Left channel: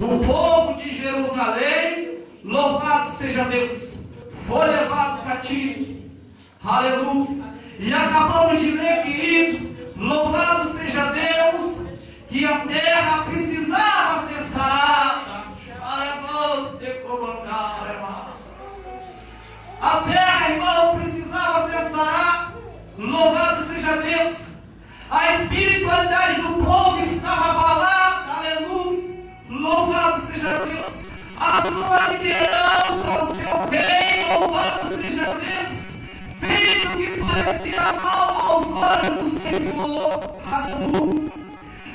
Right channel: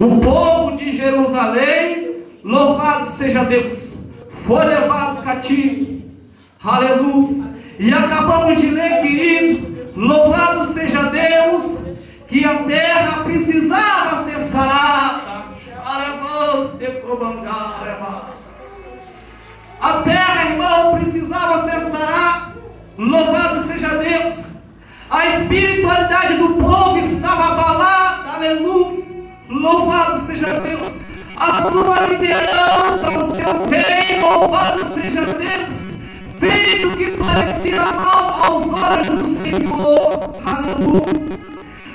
O povo de Jerusalém, louvado seja Deus, foi levado cativo. Aleluia. E acabamos de ler, querido, louvado seja Deus, que a terra precisava ser sarada. A terra, irmão, precisava ser sarada. Louvado seja Deus. A espiritualidade do povo estava abalada. Aleluia. Louvado seja Deus. A sua liderança, o seu rei, louvado seja Deus, fez o que parecia mal aos olhos do Senhor. Aleluia.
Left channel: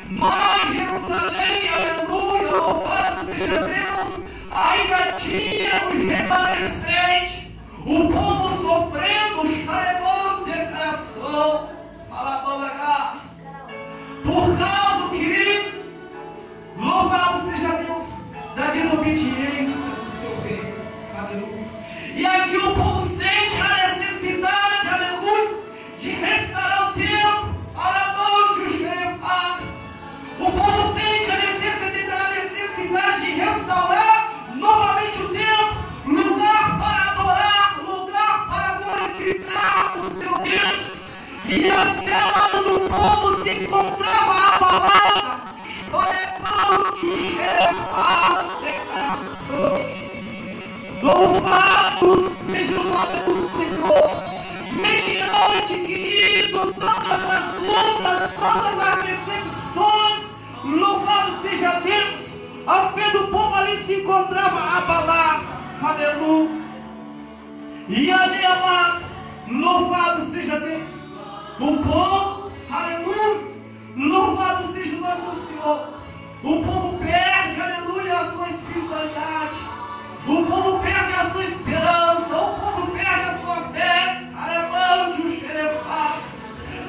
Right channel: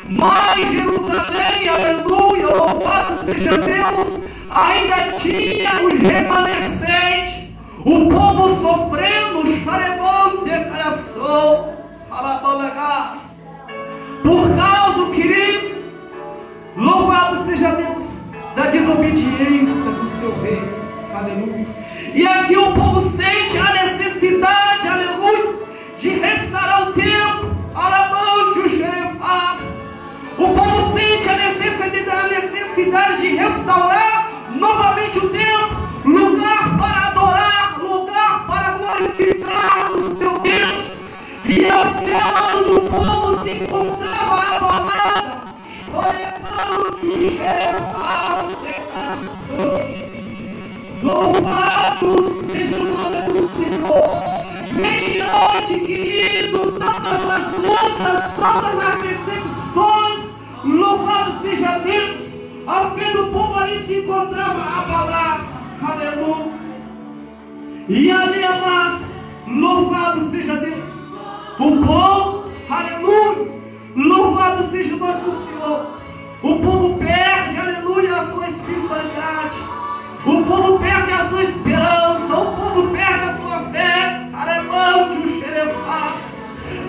Mas Jerusalém, aleluia, louvado seja Deus, ainda tinha os remanescentes, o povo sofrendo, xarebão de criação, alabanagás, por causa, querido, louvado seja Deus, da desobediência do seu rei. Aleluia. E aqui o povo sente a necessidade, aleluia, de restaurar o templo. Alabante os xerefás. O povo sente a necessidade de restaurar novamente o templo, lugar para adorar, lugar para glorificar o seu Deus. E a fé do povo se encontrava abalada. Alabante os xerefás de coração. Louvado seja o nome do Senhor. Mediante, querido, todas as lutas, todas as decepções, louvado seja Deus, a fé do povo ali se encontrava abalada. Aleluia. E ali, amado, louvado seja Deus, o povo, aleluia, louvado seja o nome do Senhor. O povo perde, aleluia, a sua espiritualidade. O povo perde a sua esperança, o povo perde a sua fé, alemão que o xerefaz.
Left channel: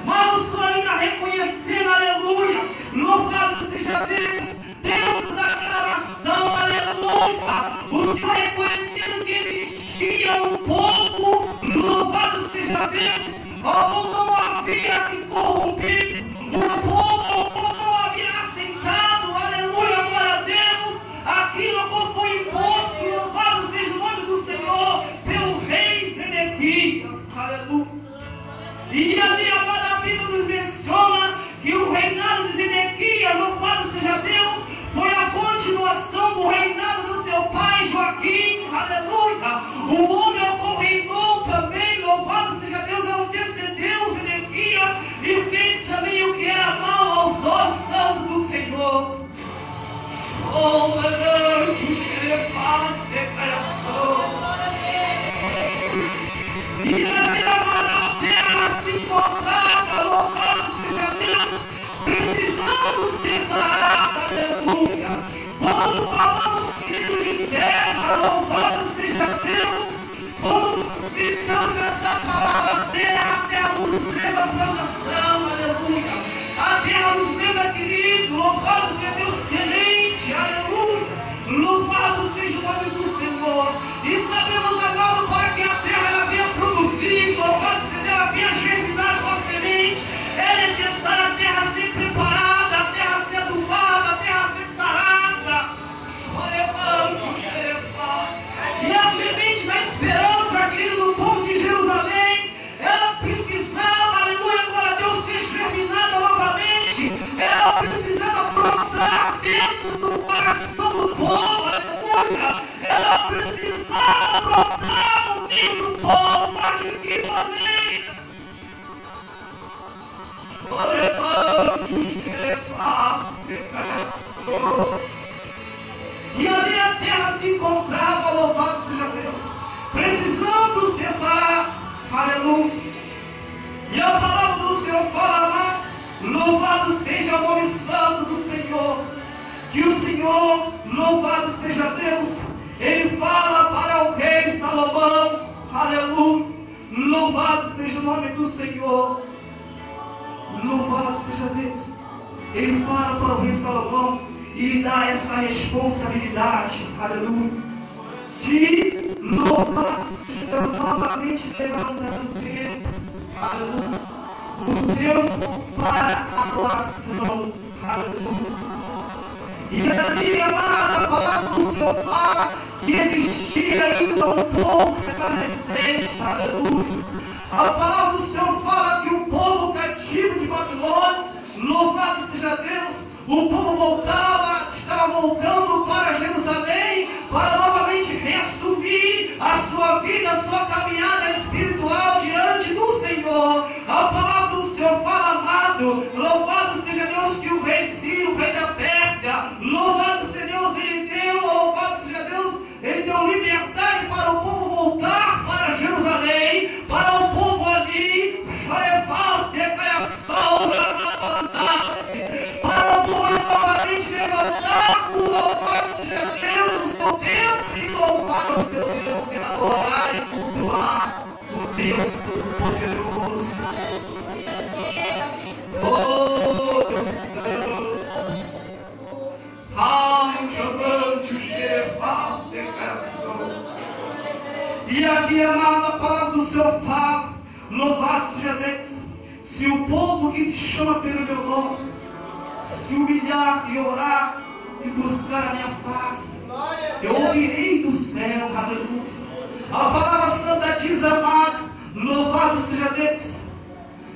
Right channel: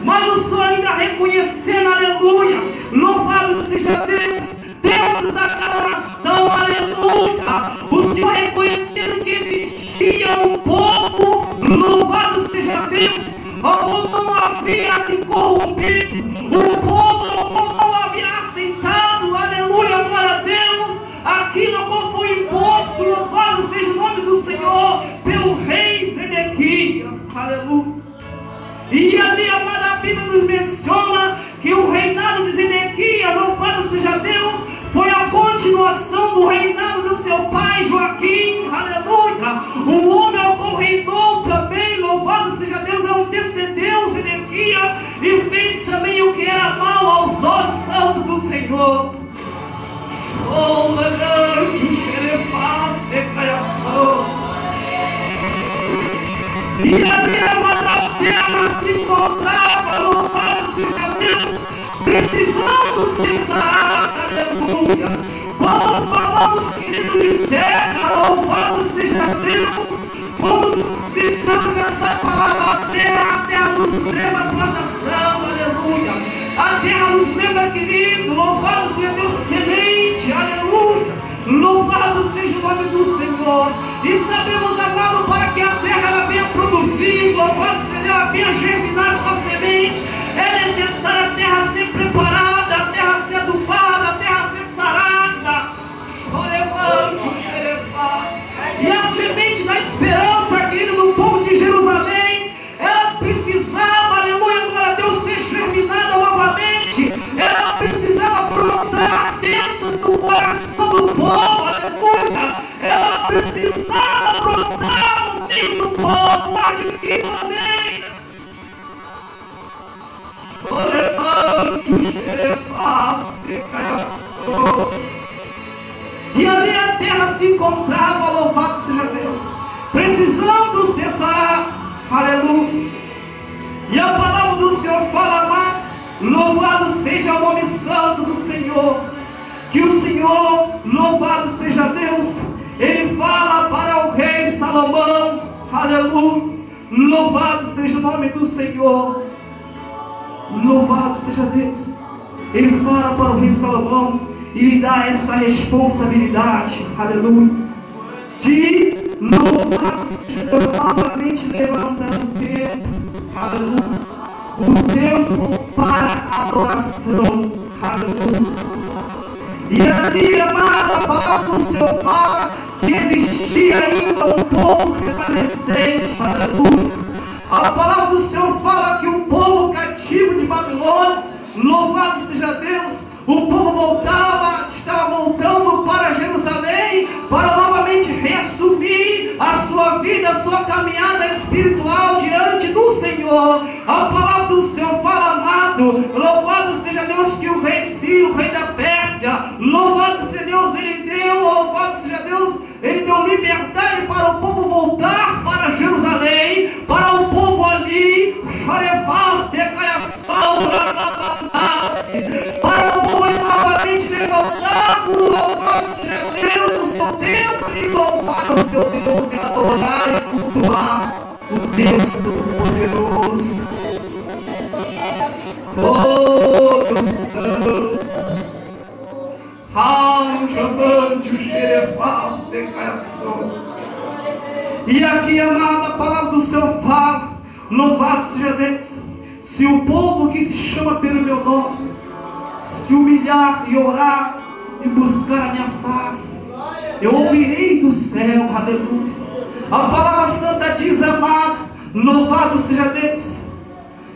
Mas o Senhor ainda reconhecendo, aleluia, louvado seja Deus, dentro daquela nação, aleluia, o Senhor reconhecendo que existia um povo, louvado seja Deus, o povo não havia se corrompido, o povo não havia aceitado, aleluia, glória a Deus, aquilo que foi imposto, louvado seja o nome do Senhor, pelo rei Zedequias, aleluia. E ali, amada, a Bíblia nos menciona que o reinado de Zedequias, louvado seja Deus, foi a continuação do reinado do seu pai Joaquim, aleluia. O homem ao qual reinou também, louvado seja Deus, antecedeu Zedequias e fez também o que era mal aos olhos santos do Senhor. Oh, meu que xerefaz de criação. E ali a terra se encontrava, louvado seja Deus, precisando ser sarada, aleluia. Quando falamos, querido, de terra, louvado seja Deus, quando citamos essa palavra, a terra nos leva a plantação, aleluia. A terra nos leva, querido, louvado seja Deus, semente, aleluia. Louvado seja o nome do Senhor. E sabemos, amado, para que a terra ela venha produzir, louvado seja Deus, ela venha germinar sua semente, é necessário a terra ser preparada, a terra ser adubada, a terra ser sarada. E a semente da esperança, querido, do povo de Jerusalém, ela precisava, aleluia, glória a Deus, ser germinada novamente. Ela precisava brotar dentro do coração do povo, aleluia. Ela precisava brotar no meio do povo, amém. E ali a terra se encontrava, louvado seja Deus, precisando se sarar, aleluia. E a palavra do Senhor fala, amado, louvado seja o nome santo do Senhor. Que o Senhor, louvado seja Deus, Ele fala para o rei Salomão, aleluia. Louvado seja o nome do Senhor. Louvado seja Deus. Ele fala para o rei Salomão e lhe dá essa responsabilidade, aleluia, de louvado seja Deus, novamente levantar o tempo, aleluia, o tempo para a adoração, aleluia. E ali, amada, a palavra do Senhor fala que existia ainda um povo remanescente, aleluia. A palavra do Senhor fala que o povo cativo de Babilônia, louvado seja Deus, o povo estava voltando para Jerusalém, para novamente reassumir a sua vida, a sua caminhada espiritual diante do Senhor. A palavra do Senhor fala, amado, louvado seja Deus, que o rei Ciro, o rei da Pérsia, louvado seja Deus, ele deu liberdade para o povo voltar para Jerusalém, para o povo ali, para o povo novamente levantar, louvado seja Deus, o seu templo, e louvar o seu Deus, e adorar e cultuar o Deus Todo-Poderoso. Oh, Deus Santo, e aqui, amada, a palavra do Senhor fala, louvado seja Deus, se o povo que se chama pelo meu nome se humilhar e orar e buscar a minha face, eu ouvirei do céu, aleluia. A palavra santa diz, amado, louvado seja Deus,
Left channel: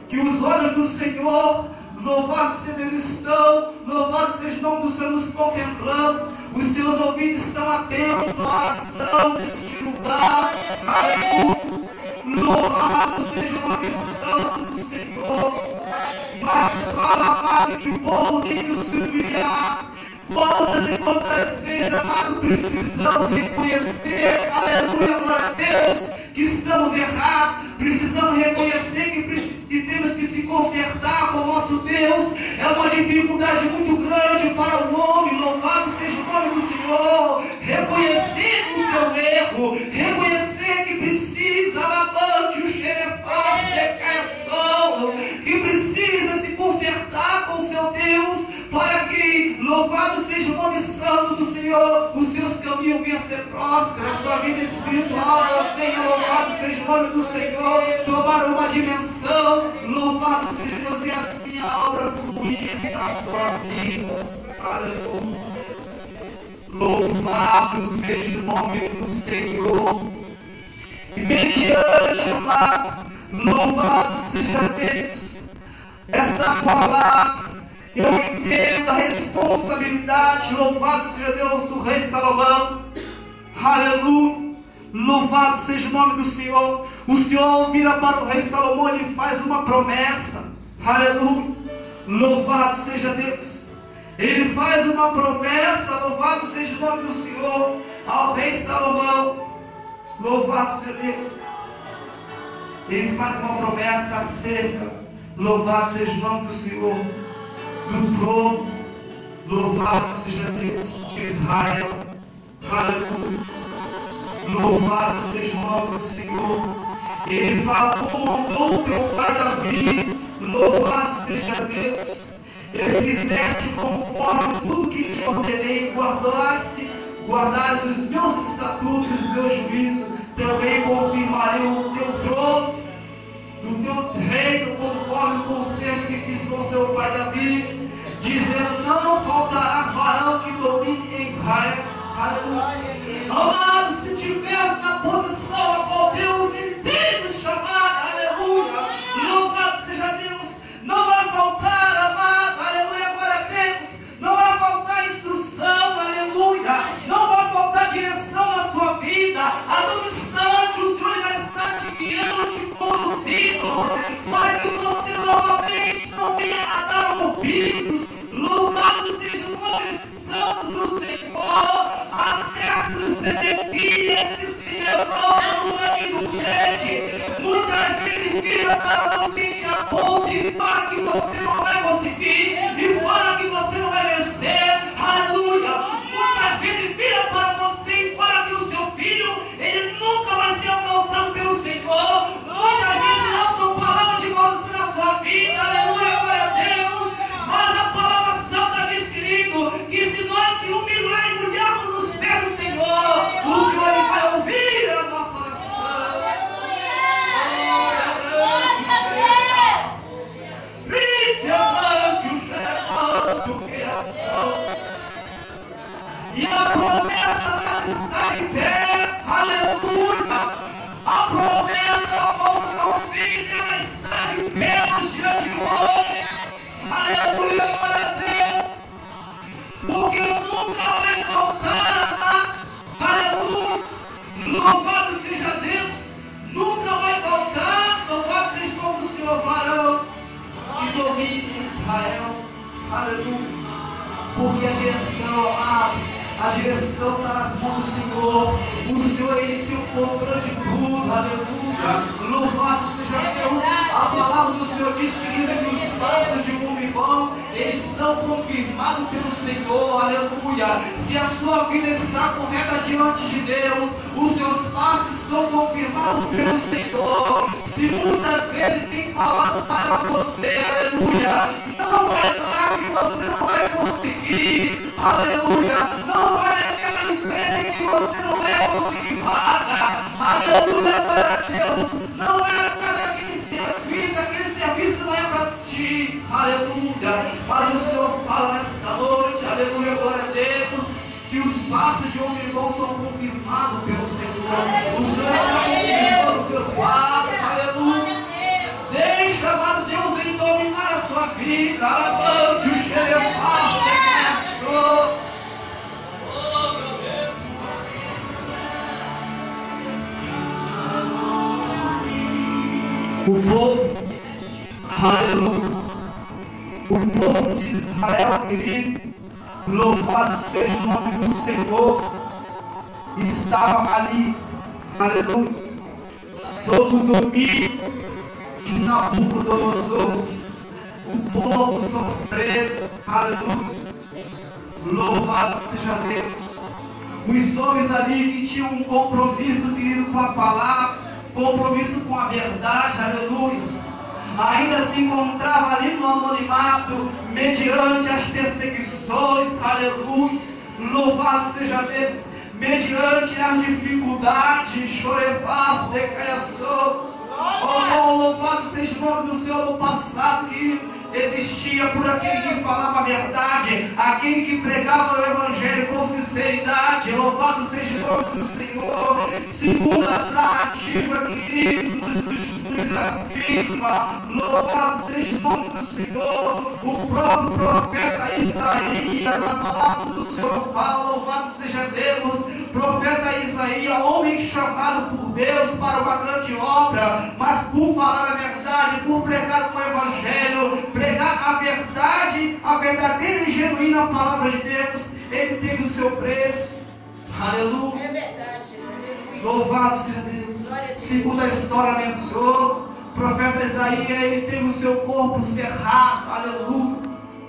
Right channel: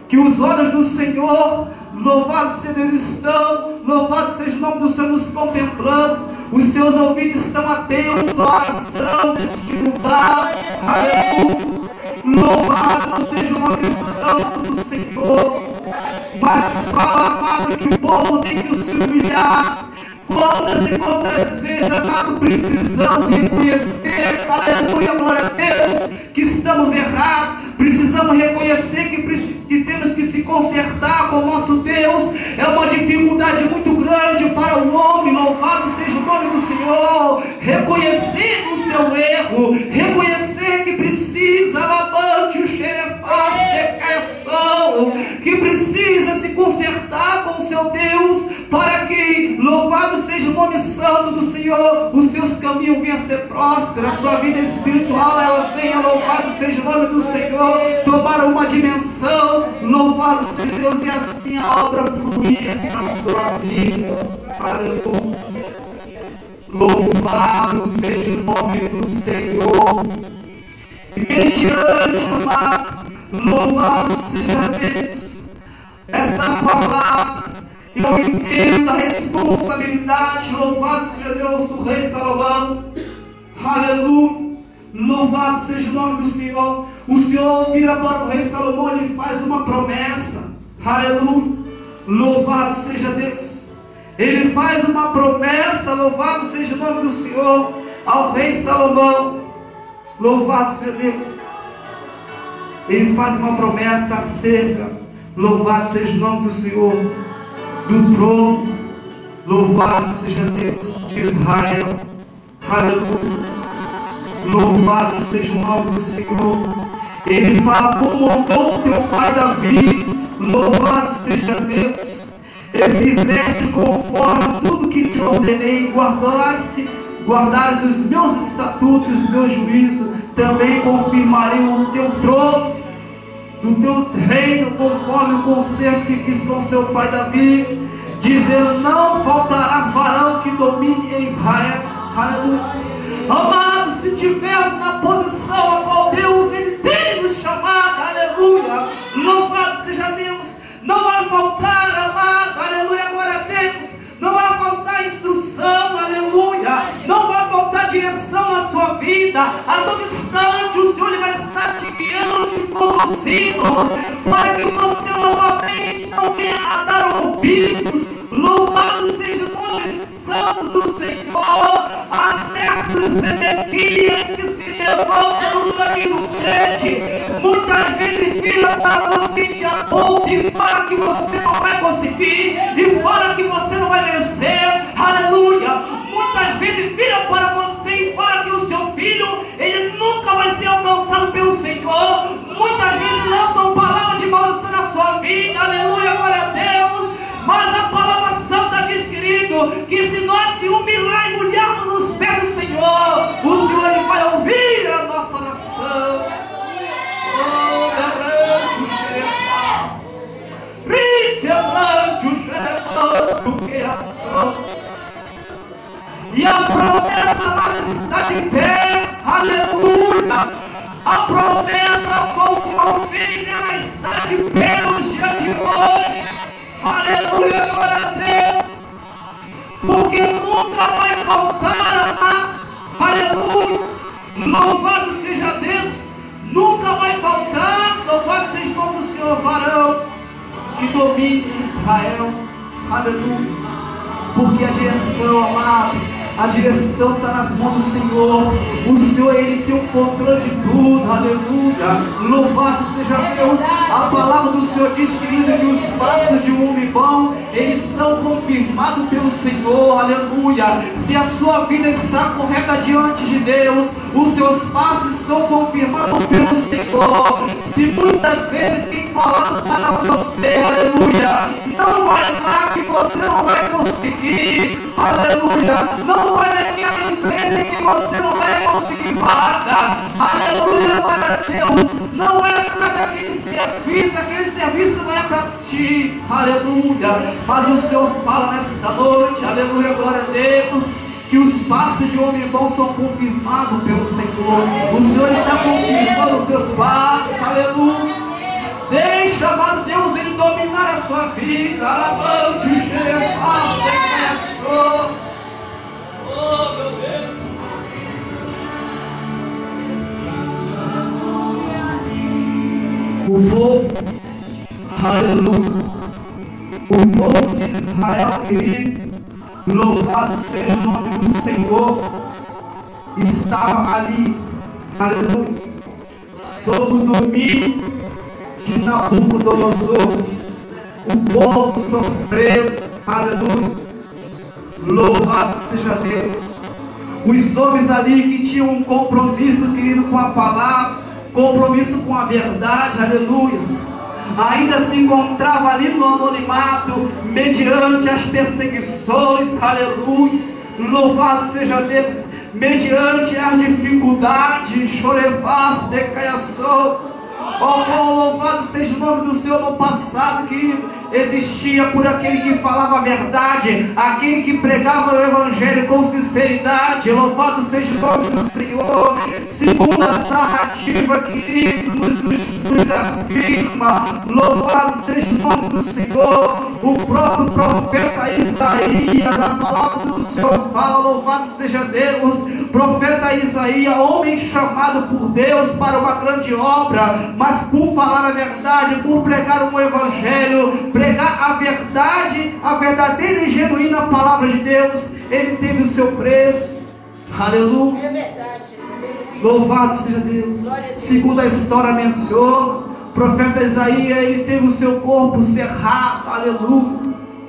que os olhos do Senhor, louvado seja Deus, estão, louvado seja o nome do Senhor, nos contemplando, os seus ouvidos estão atentos à oração deste lugar, aleluia. Louvado seja o nome santo do Senhor. Mas fala, amado, que o povo tem que se humilhar. Quantas e quantas vezes, amado, precisamos reconhecer, aleluia, glória a Deus, que estamos errados. Precisamos reconhecer que temos que se consertar com o nosso Deus. É uma dificuldade muito grande para o homem. Louvado seja o nome do Senhor. Reconhecer o seu erro, reconhecer que precisa, lavante o xerefaz, que precisa se consertar com o seu Deus, para que, louvado seja o nome santo do Senhor, os seus caminhos venham a ser prósperos, a sua vida espiritual ela venha, louvado seja o nome do Senhor, tomar uma dimensão, louvado seja Deus, e assim a obra fluir na sua vida. Aleluia. Louvado seja o nome do Senhor. E mediante, amado, louvado seja Deus. Esta palavra, eu entendo a responsabilidade, louvado seja Deus, do rei Salomão. Aleluia. Louvado seja o nome do Senhor. O Senhor vira para o rei Salomão e ele faz uma promessa. Aleluia. Louvado seja Deus. Ele faz uma promessa, louvado seja o nome do Senhor, ao rei Salomão. Louvado seja Deus. Ele faz uma promessa acerca, louvado seja o nome do Senhor, do trono. Louvado seja Deus de Israel. Aleluia. Louvado seja o nome do Senhor. Ele fala como honrou teu pai Davi. Louvado seja Deus. Ele fizeste conforme tudo que te ordenei, guardaste os meus estatutos, os meus juízos. Também confirmarei o teu trono, do teu reino, conforme o concerto que fiz com seu pai Davi, dizendo: não faltará varão que domine em Israel. Aleluia. Amados, se tivermos na posição a qual Deus ele tem nos chamado, aleluia, louvado seja Deus, não vai faltar, amado, aleluia, glória a Deus, não vai faltar instrução, aleluia, não vai faltar direção na sua vida. A todo instante o Senhor ele vai estar te guiando, te conduzindo, para que você novamente não venha a dar ouvidos. Louvado seja o nome santo do Senhor. Há certos Ezequias que se levantam no caminho do crente, muitas vezes vira para você te aponta e fala que você não vai conseguir, e fala que você não vai vencer, aleluia. Muitas vezes vira para você e fala que o seu filho ele nunca vai ser alcançado pelo Senhor. Muitas vezes lançam palavras de maldição na sua vida, aleluia, glória a Deus. Mas a palavra santa diz, querido, que se nós se humilhar e molharmos os pés do Senhor, o Senhor ele vai ouvir a nossa oração. Brinde amante o gerando criação. E a promessa lá está de pé. Aleluia. A promessa ao qual o Senhor fez, ela está de pé nos dias de hoje. Aleluia, glória a Deus. Porque nunca vai faltar. Aleluia. Louvado seja Deus. Nunca vai faltar. Louvado seja o nome do Senhor, varão que domine Israel. Aleluia. Porque a direção, amado, a direção está nas mãos do Senhor. O Senhor, Ele tem o controle de tudo. Aleluia. Louvado seja Deus. A palavra do Senhor diz, querido, que os passos de um homem bom, eles são confirmados pelo Senhor. Aleluia. Se a sua vida está correta diante de Deus, os seus passos estão confirmados pelo Senhor. Se muitas vezes tem falado para você, aleluia, não é lá que você não vai conseguir. Aleluia. Não é naquela empresa que você não vai conseguir nada. Aleluia, glória a Deus. Não é naquele serviço, aquele serviço não é para ti. Aleluia. Mas o Senhor fala nessa noite, aleluia, glória a Deus, que os passos de homem bom são confirmados pelo Senhor. O Senhor está confirmando os seus passos, aleluia. Deixa, amado Deus, Ele dominar a sua vida. Alabante o Xerefaz, declaração. O povo, aleluia, o povo de Israel, querido, louvado seja o nome do Senhor, estava ali, aleluia, sob o domínio de Nabucodonosor. O povo sofreu, aleluia, louvado seja Deus. Os homens ali que tinham um compromisso, querido, com a palavra, compromisso com a verdade, aleluia, ainda se encontrava ali no anonimato, mediante as perseguições, aleluia, louvado seja Deus, mediante as dificuldades, chorefaz, decaiaçou. Oh, louvado seja o nome do Senhor. No passado, querido, existia por aquele que falava a verdade, aquele que pregava o Evangelho com sinceridade. Louvado seja o nome do Senhor. Segundo as narrativas, querido, nos afirma, louvado seja o nome do Senhor. O próprio profeta Isaías, a palavra do Senhor fala, louvado seja Deus. Profeta Isaías, homem chamado por Deus para uma grande obra, mas por falar a verdade, por pregar o Evangelho, pregar a verdade, a verdadeira e genuína palavra de Deus, ele teve o seu preço. Aleluia. É verdade. Louvado seja Deus. Segundo a história menciona, o profeta Isaías, ele teve o seu corpo cerrado. Aleluia.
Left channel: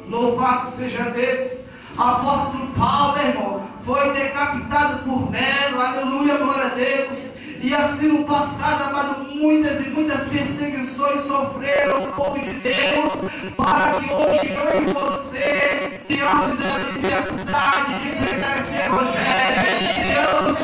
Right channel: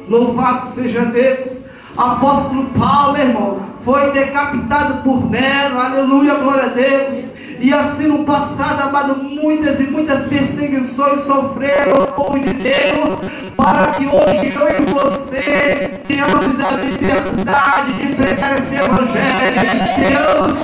Louvado seja Deus. Apóstolo Paulo, irmão, foi decapitado por Nero. Aleluia, glória a Deus. E assim no passado, amado, muitas e muitas perseguições sofreram o povo de Deus, para que hoje eu e você tenhamos a liberdade de pregar esse Evangelho. Deus